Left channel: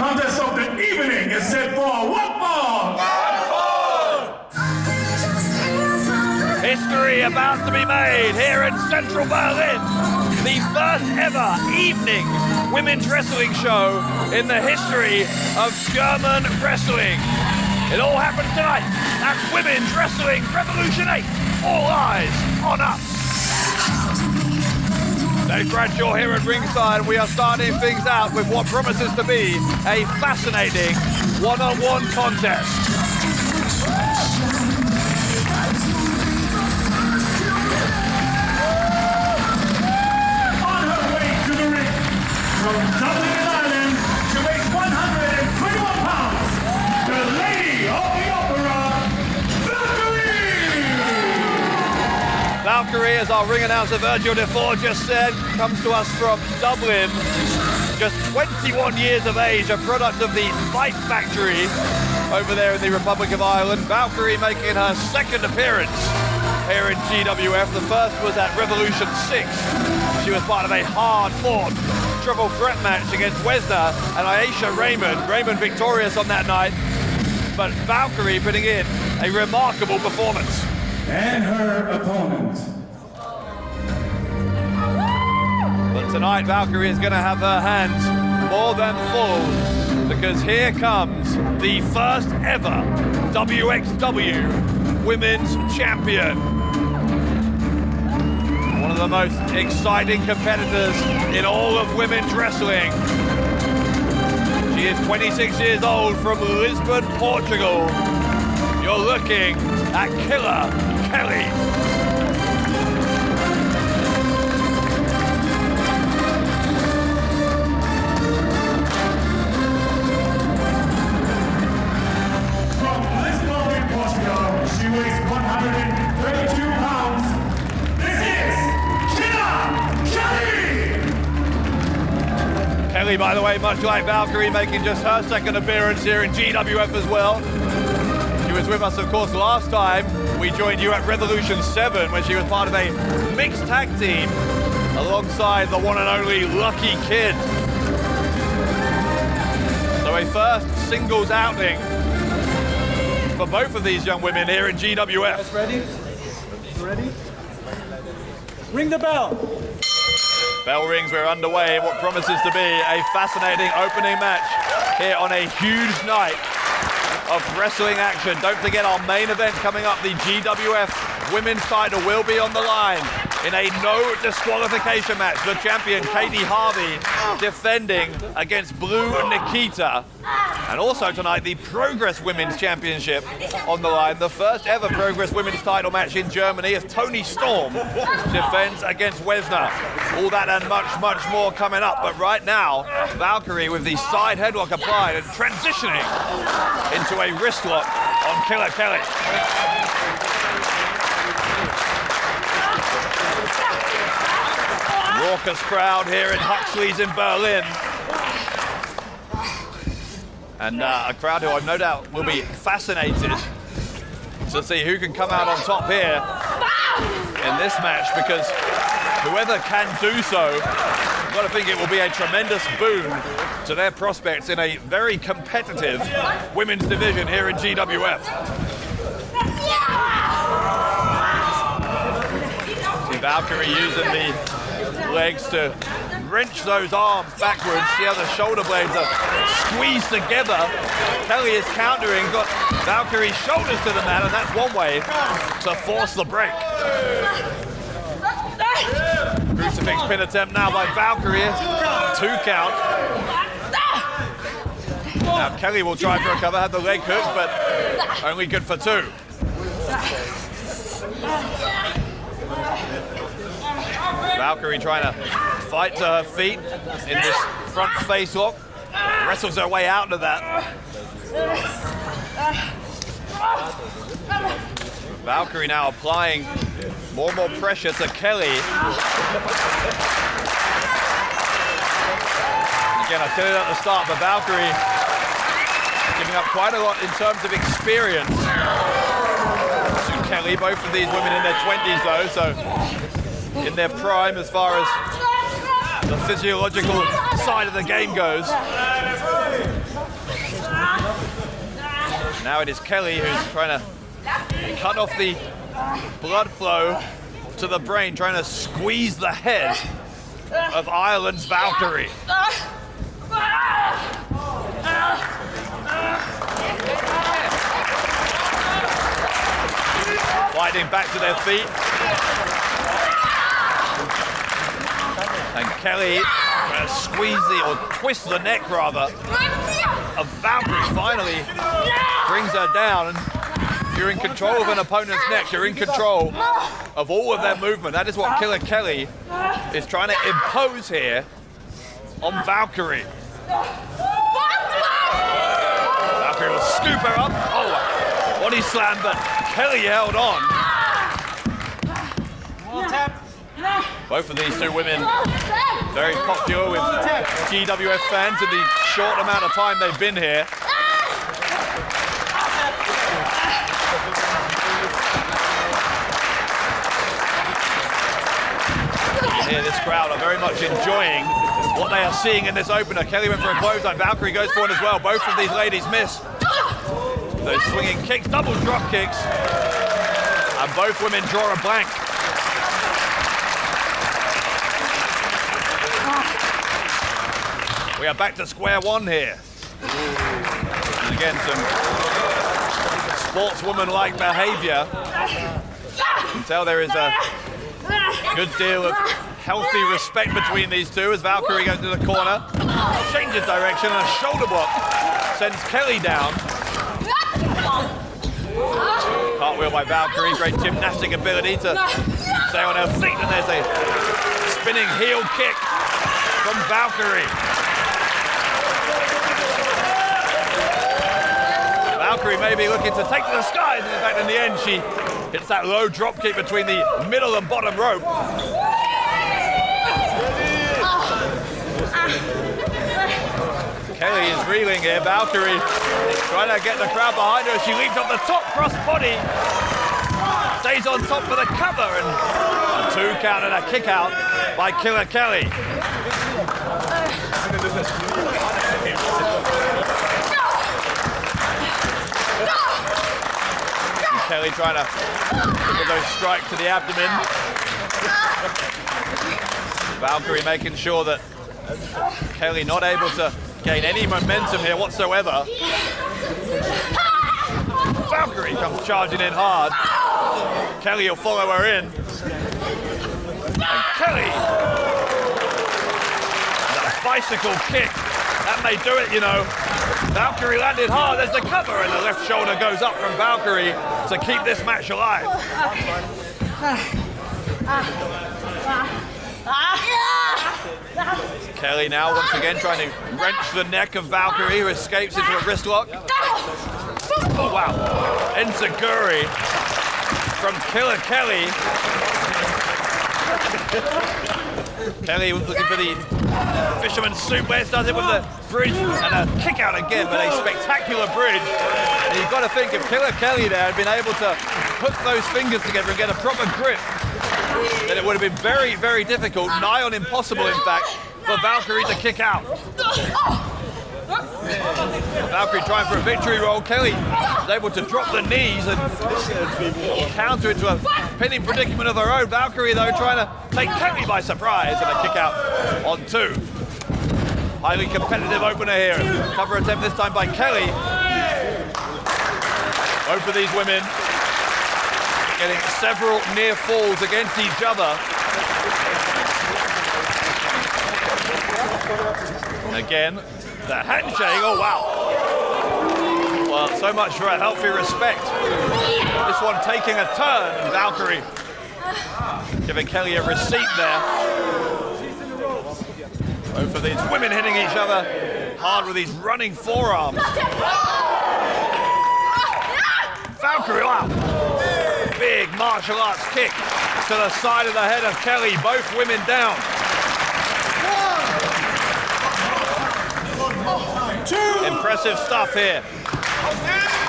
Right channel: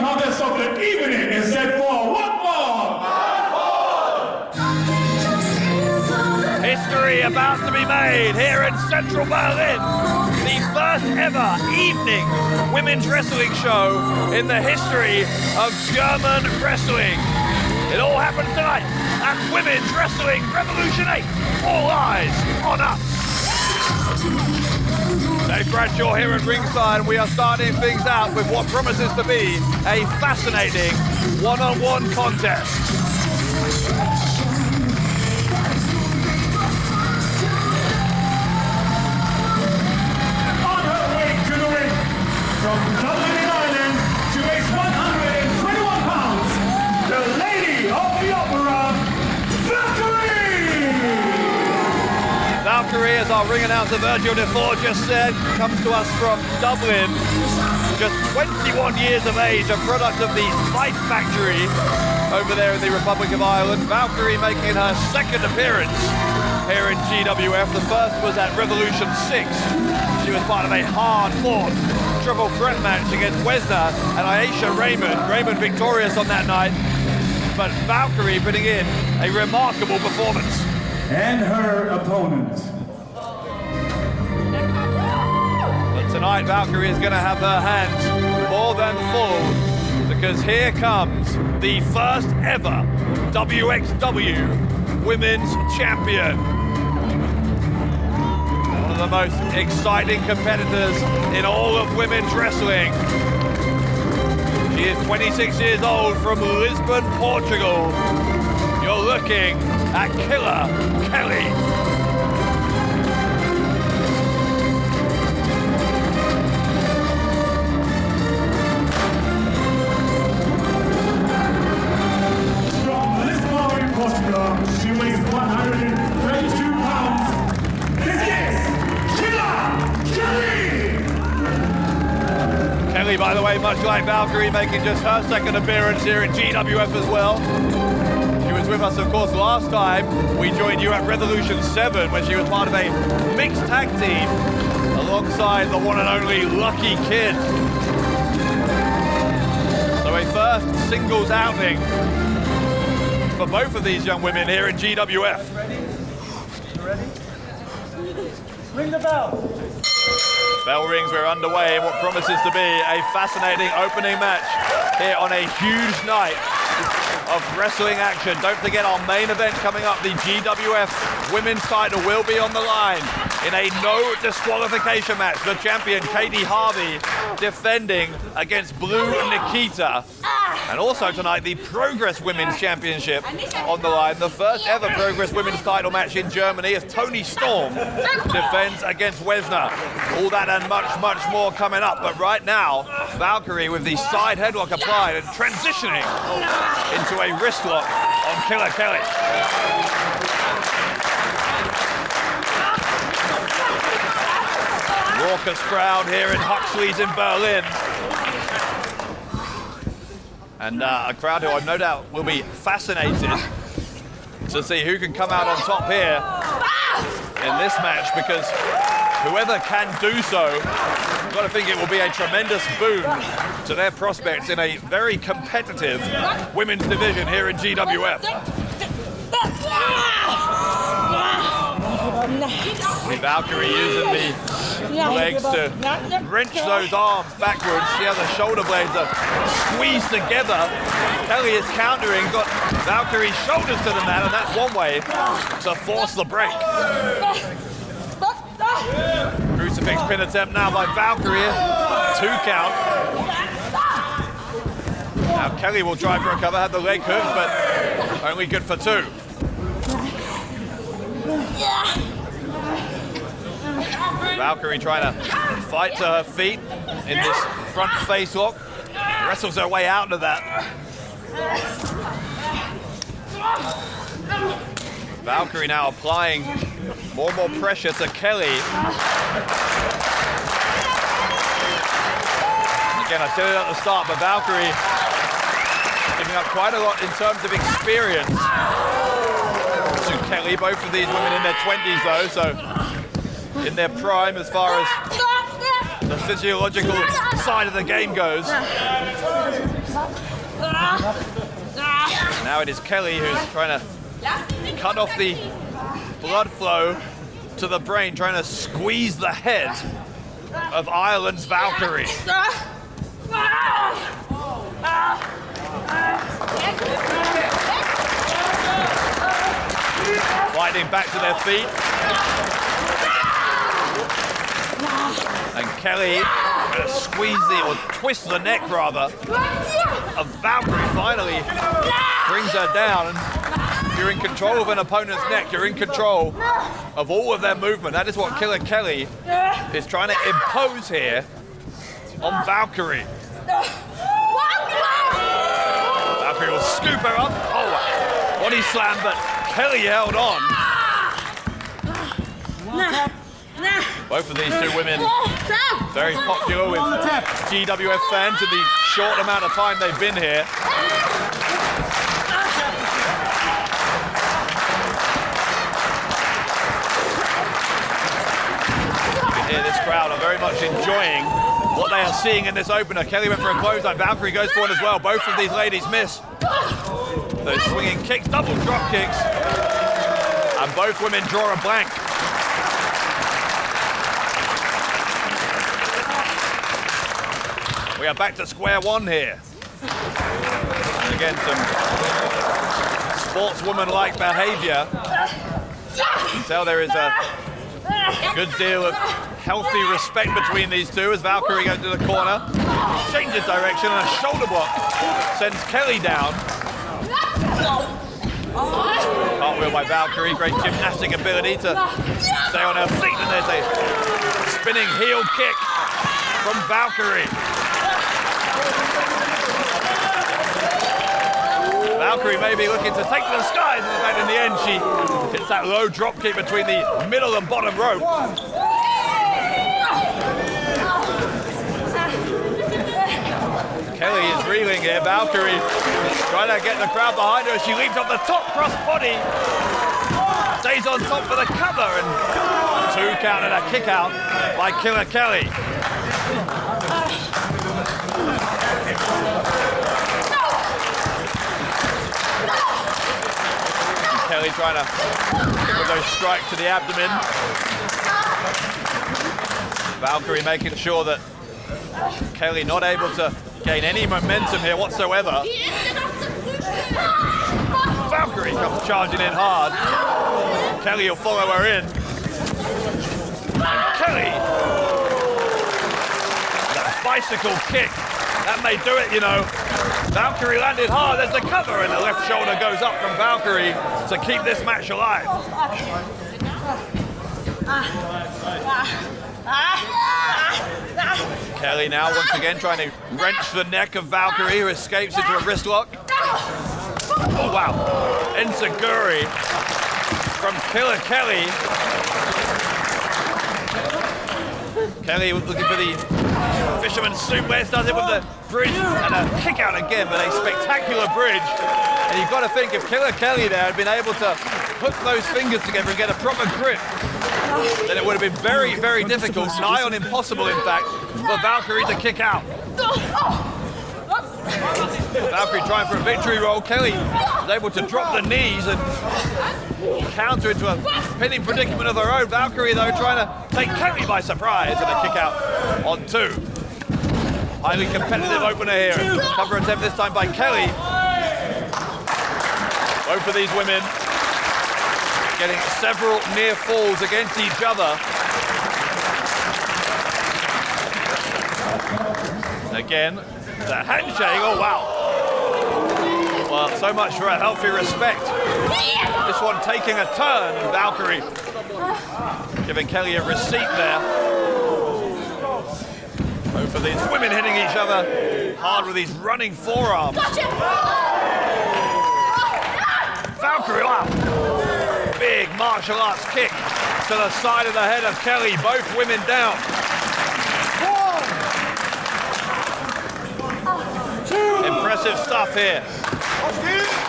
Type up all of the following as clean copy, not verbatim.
contest of the evening is set for one more. History about to be made here in central Berlin. The first ever evening women's wrestling show in the history of German wrestling. It all happens tonight at Women's Wrestling Revolution 8. All eyes on us. Dave Bradshaw here at ringside, and we are starting things out with what promises to be a fascinating one-on-one contest. On her way to the ring, from Dublin, Ireland, she weighs 121 pounds, the Lady of the Opera, Valkyrie! Valkyrie, as our ring announcer Virgil Defoe just said, comes to us from Dublin. Just 21 years of age, a product of the Fight Factory over there in the Republic of Ireland. Valkyrie making her second appearance here in GWF. The first was at Revolution 6. She was part of a hard-fought triple threat match against Wesner and Aisha Raymond. Raymond victorious on that night, but Valkyrie putting in a remarkable performance. And her opponent. But tonight, Valkyrie is going to have her hands more than full, because here comes the first ever WXW Women's Champion. One of the most exciting competitors in all of women's wrestling. She is 26 years old from Lisbon, Portugal. You're looking at Killer Kelly. She weighs 132 pounds. This is Killer Kelly! Kelly, by the way, much like Valkyrie, making just her second appearance here in GWF as well. She was with us, of course, last time we joined you at Revolution 7 when she was part of a mixed tag team alongside the one and only Lucky Kid. So a first singles outing for both of these young women here in GWF. Ready? You ready? Ring the bell. Bell rings, we're underway in what promises to be a fascinating opening match here on a huge night of wrestling action. Don't forget our main event coming up, the GWF women's title will be on the line in a no disqualification match. The champion, Katie Harvey, defending against Blue Nikita. And also tonight, the Progress Women's Championship on the line. The first ever Progress Women's title match in Germany as Toni Storm defends against Wesner. All that and much, much more coming up. But right now, Valkyrie with the side headlock applied and transitioning into a wrist lock on Killer Kelly. Raucous crowd here in Huxley's in Berlin. And a crowd who I've no doubt will be fascinated to see who can come out on top here in this match, because whoever can do so, I've got to think it will be a tremendous boon to their prospects in a very competitive women's division here in GWF. See Valkyrie using the legs to wrench those arms backwards. See how the shoulder blades are squeezed together. Kelly is countering, got Valkyrie's shoulders to the mat, and that's one way to force the break. Crucifix pin attempt now by Valkyrie. 2 count. Now Kelly will try for a cover, had the leg hook, but only good for 2. Valkyrie trying to fight to her feet in this front face lock. Wrestles her way out of that. Valkyrie now applying more and more pressure to Kelly. Again, I said it at the start, but Valkyrie giving up quite a lot in terms of experience to Kelly. Both of these women in their 20s though, so in their prime as far as the physiological side of the game goes. Now it is Kelly who's trying to cut off the blood flow to the brain, trying to squeeze the head of Ireland's Valkyrie. Fighting back to their feet. And Kelly trying to squeeze or twist the neck rather of Valkyrie. Finally brings her down. And if you're in control of an opponent's neck, you're in control of all of their movement. That is what Killer Kelly is trying to impose here on Valkyrie. Valkyrie will scoop her up. Oh, body slam, but Kelly held on. Both of these two women very popular with GWF fans in the short amount of time they've been here. You can hear this crowd are very much enjoying what they are seeing in this opener. Kelly went for a clothesline, Valkyrie goes for one as well. Both of these ladies miss. Those swinging kicks, double drop kicks, and both women draw a blank. We are back to square one here. And again, some sportswoman-like behavior. You can tell there is a good deal of healthy respect between these two as Valkyrie goes to the corner, changes direction, and a shoulder block sends Kelly down. Cartwheel by Valkyrie, great gymnastic ability to stay on her feet, and there's a spinning heel kick from Valkyrie. Valkyrie may be looking to take to the skies, and in fact in the end she hits that low drop kick between the middle and bottom rope. Kelly is reeling here. Valkyrie trying to get the crowd behind her. She leaps off the top, cross body, stays on top for the cover, and a 2 count and a kick out by Killer Kelly. Kelly trying to hit with those strikes to the abdomen. Valkyrie making sure that Kelly not able to gain any momentum here whatsoever. Valkyrie comes charging in hard. Kelly will follow her in. And Kelly, that bicycle kick, that may do it, you know. Valkyrie landed hard, there's the cover, and the left shoulder goes up from Valkyrie to keep this match alive. Kelly now once again trying to wrench the neck of Valkyrie, who escapes into a wrist lock. Oh wow, enziguri from Killer Kelly. Kelly looking for the fisherman's suplex, does it with the bridge and a kick out again, but a spectacular bridge. And you've got to think if Killer Kelly there had been able to hook those fingers together and get a proper grip, then it would have been very, very difficult, nigh on impossible in fact, for Valkyrie to kick out. Valkyrie trying for a victory roll. Kelly was able to drop the knees and counter into a pinning predicament of her own. Valkyrie though trying to take Kelly by surprise, and a kick out on 2. Highly competitive opener here. Cover attempt this time by Kelly. Both of these women getting several near falls against each other. Again, the handshake, oh wow. Well, so much for a healthy respect. This one taking a turn, and Valkyrie giving Kelly a receipt there. Both of these women hitting each other hard with these running forearms. Valkyrie, wow. Big martial arts kick to the side of the head of Kelly. Both women down. 2. Impressive stuff here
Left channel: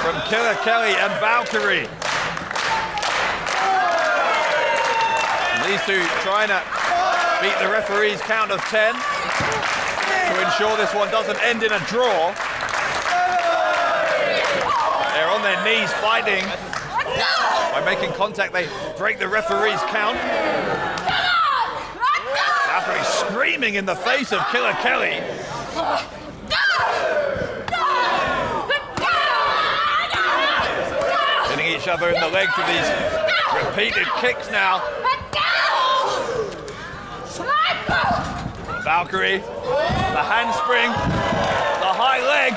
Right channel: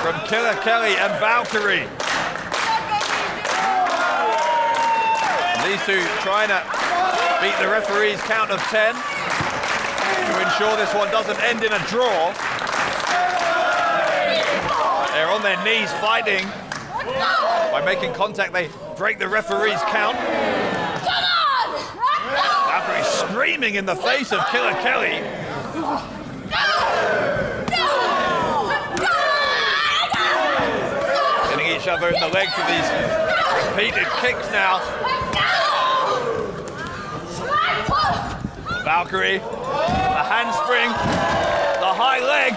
from Killer Kelly and Valkyrie. And these two trying to beat the referee's count of 10 to ensure this one doesn't end in a draw. They're on their knees fighting. By making contact, they break the referee's count. Valkyrie screaming in the face of Killer Kelly. Hitting each other in the legs with these repeated kicks now. Valkyrie, the handspring, the high leg.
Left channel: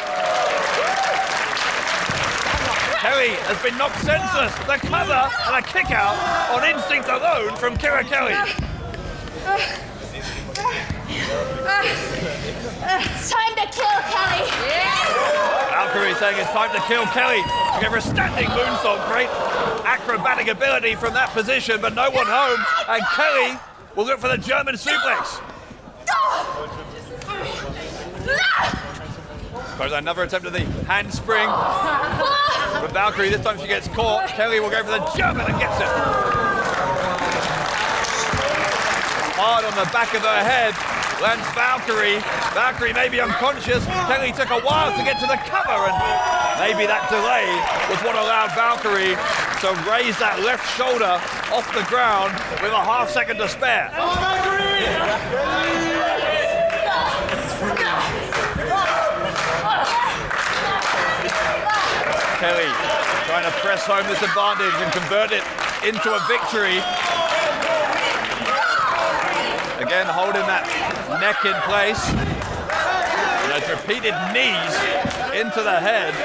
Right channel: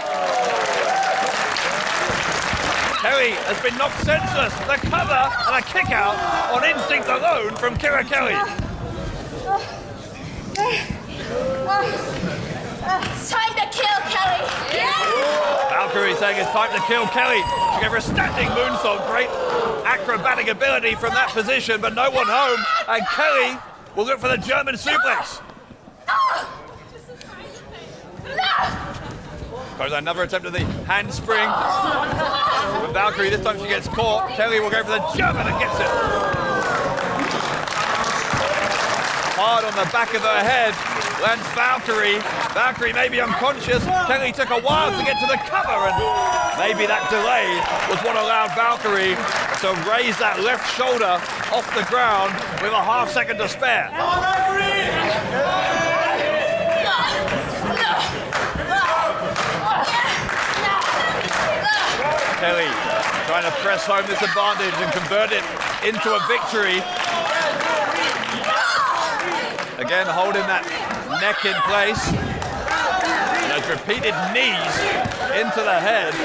Kelly has been knocked senseless. The cover and a kick out on instinct alone from Killer Kelly. It's time to kill Kelly. Valkyrie saying it's time to kill Kelly. She gave her a standing moonsault. Great acrobatic ability from that position, but no one home. And Kelly will look for the German suplex. Goes another attempt at the handspring. But Valkyrie, this time she gets caught. Kelly will go for the German and gets it. Hard on the back of her head. Lands Valkyrie. Valkyrie may be unconscious. Kelly took a while to get to the cover, and maybe that delay was what allowed Valkyrie to raise that left shoulder off the ground with a half second to spare. Kelly trying to press home this advantage and convert it into a victory. Again, holding that neck in place. And those repeated knees into the head,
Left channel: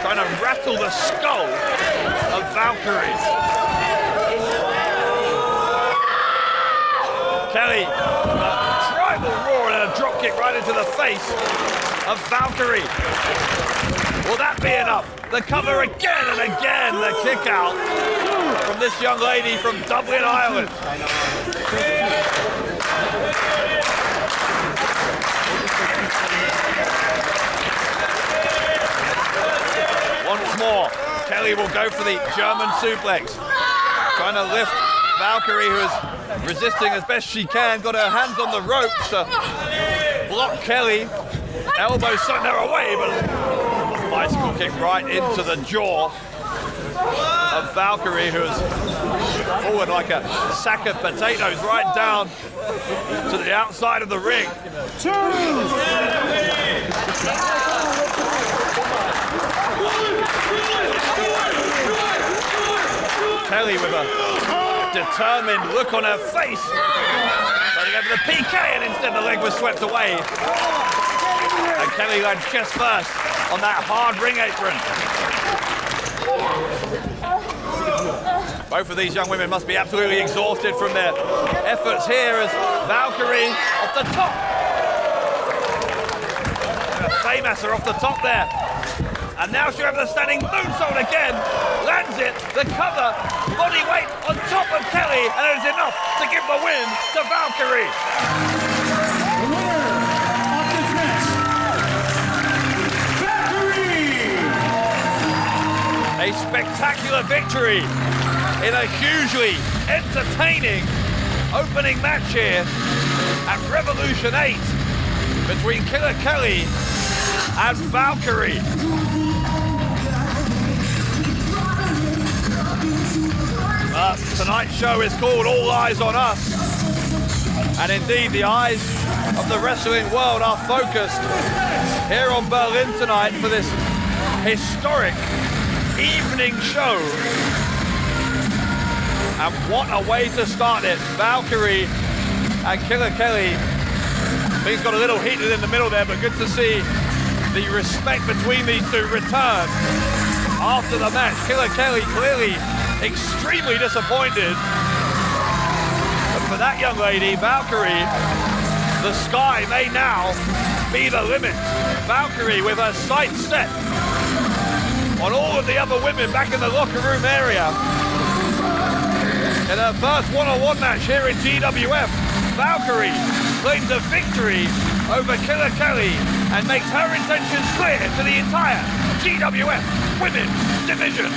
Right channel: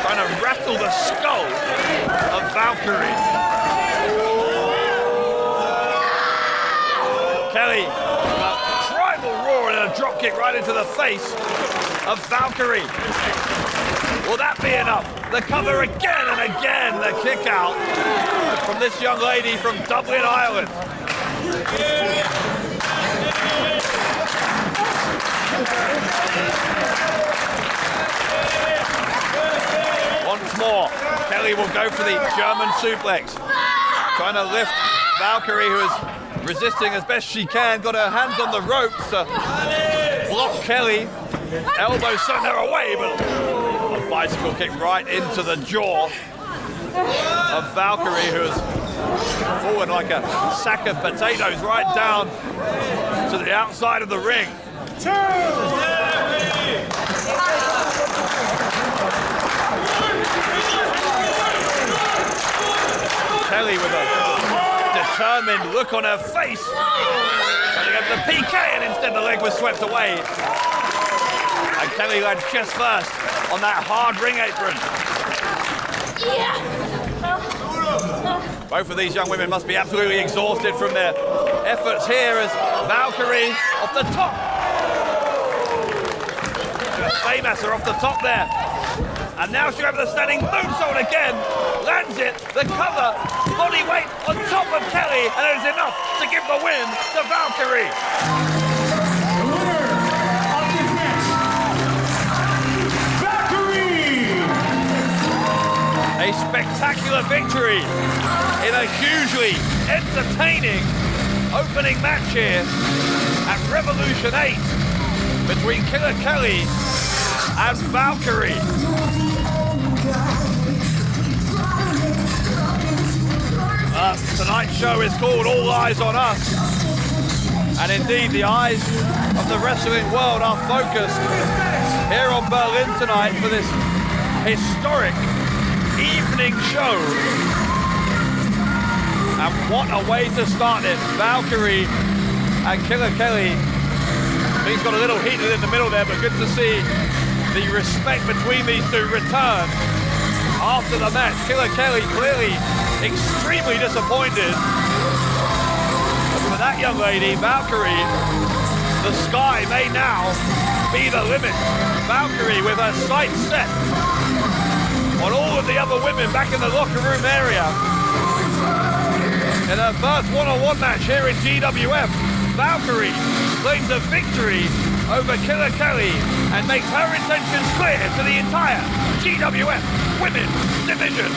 trying to rattle the skull of Valkyrie. Kelly with a tribal roar and a drop kick right into the face of Valkyrie. Will that be enough? The cover again and again, the kick out from this young lady from Dublin, Ireland. Once more, Kelly will go for the German suplex. Trying to lift Valkyrie, who is resisting as best she can. Got her hands on the ropes to block Kelly. Elbows sent her away, but a bicycle kick right into the jaw of Valkyrie, who has fallen like a sack of potatoes right down to the outside of the ring. Kelly with a determined look on her face. Trying to go for the PK, and instead the leg was swept away. And Kelly lands chest first on that hard ring apron. Both of these young women must be absolutely exhausted from their efforts here as Valkyrie off the top. A Faymaster off the top there. And now she'll have the standing moonsault again. Lands it, the cover, body weight on top of Kelly, and it is enough to give the win to Valkyrie. The winner of this match, Valkyrie! A spectacular victory in a hugely entertaining opening match here at Revolution 8 between Killer Kelly and Valkyrie. Tonight's show is called All Eyes on Us, and indeed the eyes of the wrestling world are focused here on Berlin tonight for this historic evening show. And what a way to start it. Valkyrie and Killer Kelly. Things got a little heated in the middle there, but good to see the respect between these two return after the match. Killer Kelly clearly extremely disappointed. But for that young lady, Valkyrie, the sky may now be the limit. Valkyrie with her sights set on all of the other women back in the locker room area. In her first one-on-one match here in GWF, Valkyrie claims a victory over Killer Kelly and makes her intentions clear to the entire GWF Women's Division.